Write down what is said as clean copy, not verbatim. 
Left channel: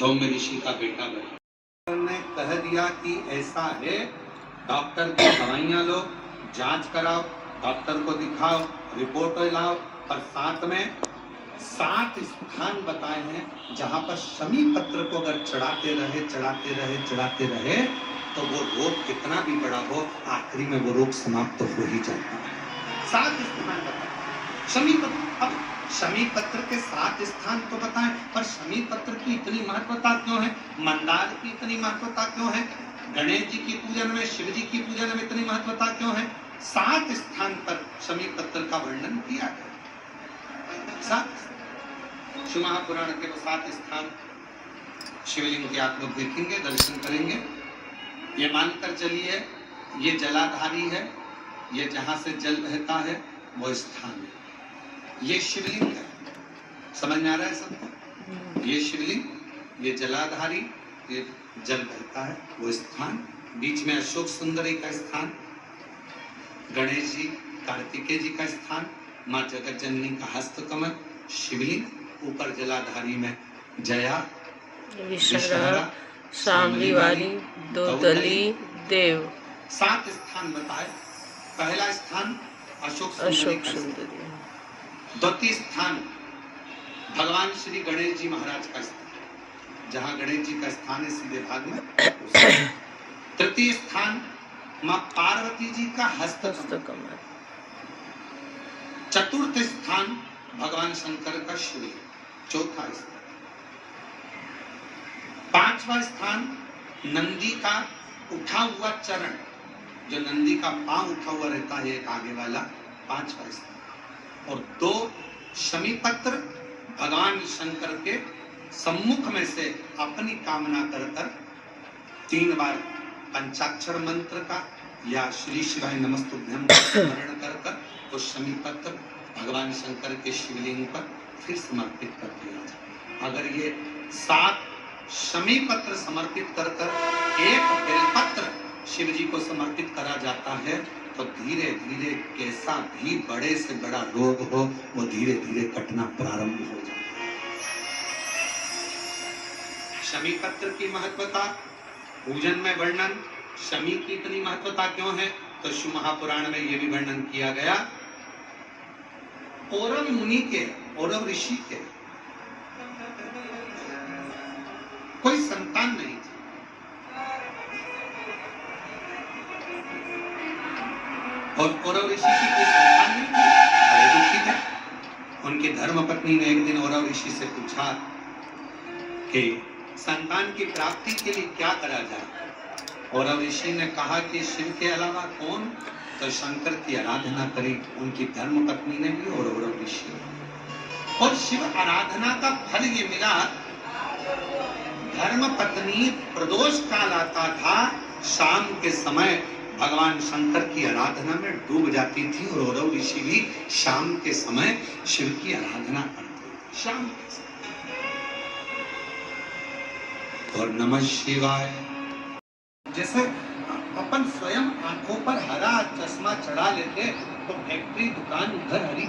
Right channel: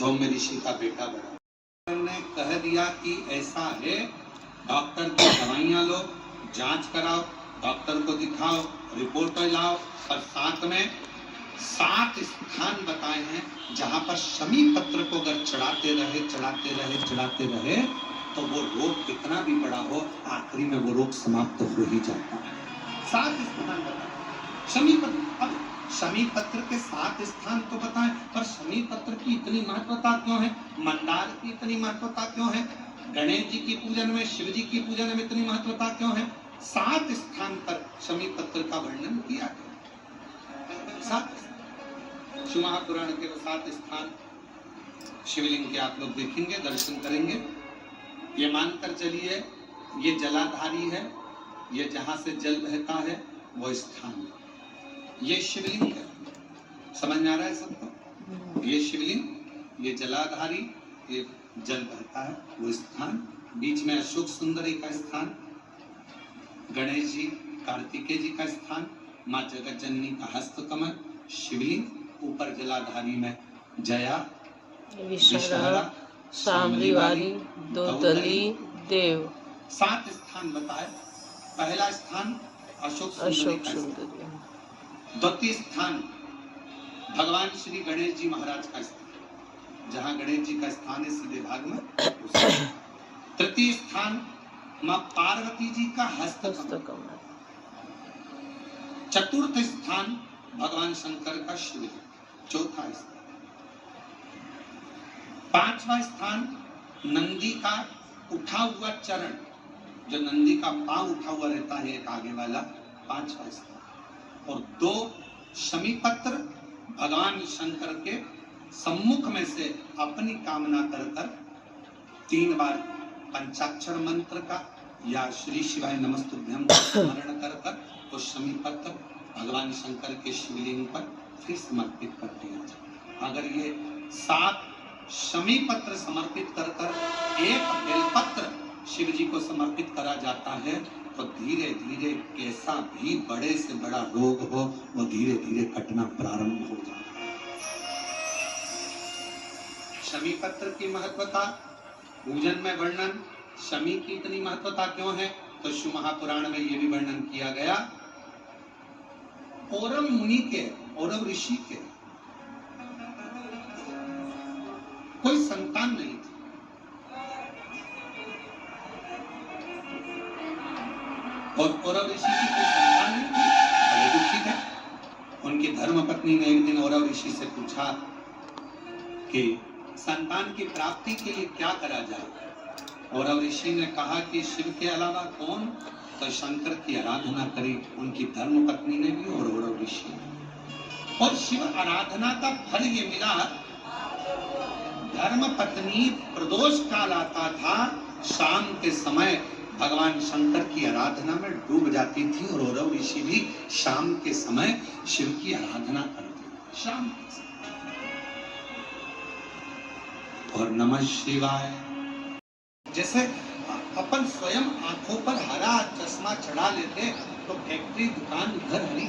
धौम्य ऋषि का बेटा बना। ने कह दिया कि ऐसा है, डॉक्टर की दवाइयां लो, जांच कराओ, डॉक्टर को दिखाओ, रिपोर्ट लाओ, और साथ में 7 स्थान बताए हैं जहां पर शमी पत्र को अगर चढ़ाते रहे तो वो रोग कितना भी बड़ा हो, आखिरी में वो रोग समाप्त हो ही जाता है। 7 स्थान बताए शमी पत्र। अब शमी पत्र के 7 स्थान तो बताएं, पर शमी पत्र की इतनी महत्वता क्यों है, मंदार की इतनी महत्वता क्यों है, गणेश जी की पूजन में, शिव जी की पूजन में इतनी महत्वता क्यों है? 7 स्थान पर शमी पत्र का वर्णन किया गया। 7 शिव महापुराण के 7 स्थान शिवलिंग के आप लोग देखेंगे, दर्शन करेंगे। ये मानकर चलिए ये जलाधारी है, ये जहां से जल बहता है वो स्थान है, ये शिवलिंग है। समझ में आ रहा है सबको? ये शिवलिंग, ये जलाधारी, ये जल बहता है वो स्थान, बीच में अशोक सुंदरी का स्थान, गणेश जी कार्तिकेय जी का स्थान, माँ जगत जननी का हस्तकमल, शिवलिंग, ऊपर जलाधारी में जया, विषहरा, शामली वाली, दोदली, देव। 7 स्थान बताए। पहला स्थान अशोक सुंदरी, द्वितीय स्थान भगवान श्री गणेश जी महाराज का स्थान, जहां गणेश जी का स्थान है सीधे भाग में। तृतीय स्थान मां पार्वती जी का हस्तकमल। चतुर्थ स्थान भगवान शंकर का शिवलिंग। चौथा स्थान। 5वां स्थान नंदी का उठा हुआ चरण, जो नंदी का पांव उठा हुआ रहता है एक आगे वाला, 5वां स्थान। और 2 शमी पत्र भगवान शंकर के सम्मुख में से अपनी कामना कर 3 बार पंचाक्षर मंत्र का या श्री शिवाय नमस्तुभ्यं का स्मरण कर तो शमी पत्र भगवान शंकर के शिवलिंग पर फिर समर्पित कर दिया जाए। अगर ये 7 शमी पत्र समर्पित कर एक बेलपत्र शिव जी को समर्पित करा जाता है तो धीरे धीरे कैसा भी बड़े से बड़ा रोग हो वो धीरे धीरे कटना प्रारंभ हो जाता है। शमी पत्र की महत्वता, पूजन में वर्णन, शमी की इतनी महत्वता क्यों है तो शिव महापुराण में यह भी वर्णन किया गया। औरव मुनि के, औरव ऋषि के कोई संतान नहीं थी, और औरव ऋषि की कोई संतान नहीं थी, बड़े दुखी थे। उनकी धर्मपत्नी ने एक दिन औरव ऋषि से पूछा कि संतान की प्राप्ति के लिए क्या करा जाए। औरव ऋषि ने कहा कि शिव के अलावा कौन, तो शंकर की आराधना करी। उनकी धर्मपत्नी ने भी और औरव ऋषि ने। और शिव आराधना का फल ये मिला, धर्मपत्नी प्रदोष काल आता था, शाम के समय भगवान शंकर की आराधना में डूब जाती थी और औरव ऋषि भी शाम के समय शिव की आराधना करते। शाम के समय। और नमः शिवाय, जैसे अपन स्वयं आंखों पर हरा चश्मा चढ़ा लेते तो फैक्ट्री, दुकान, घर हरी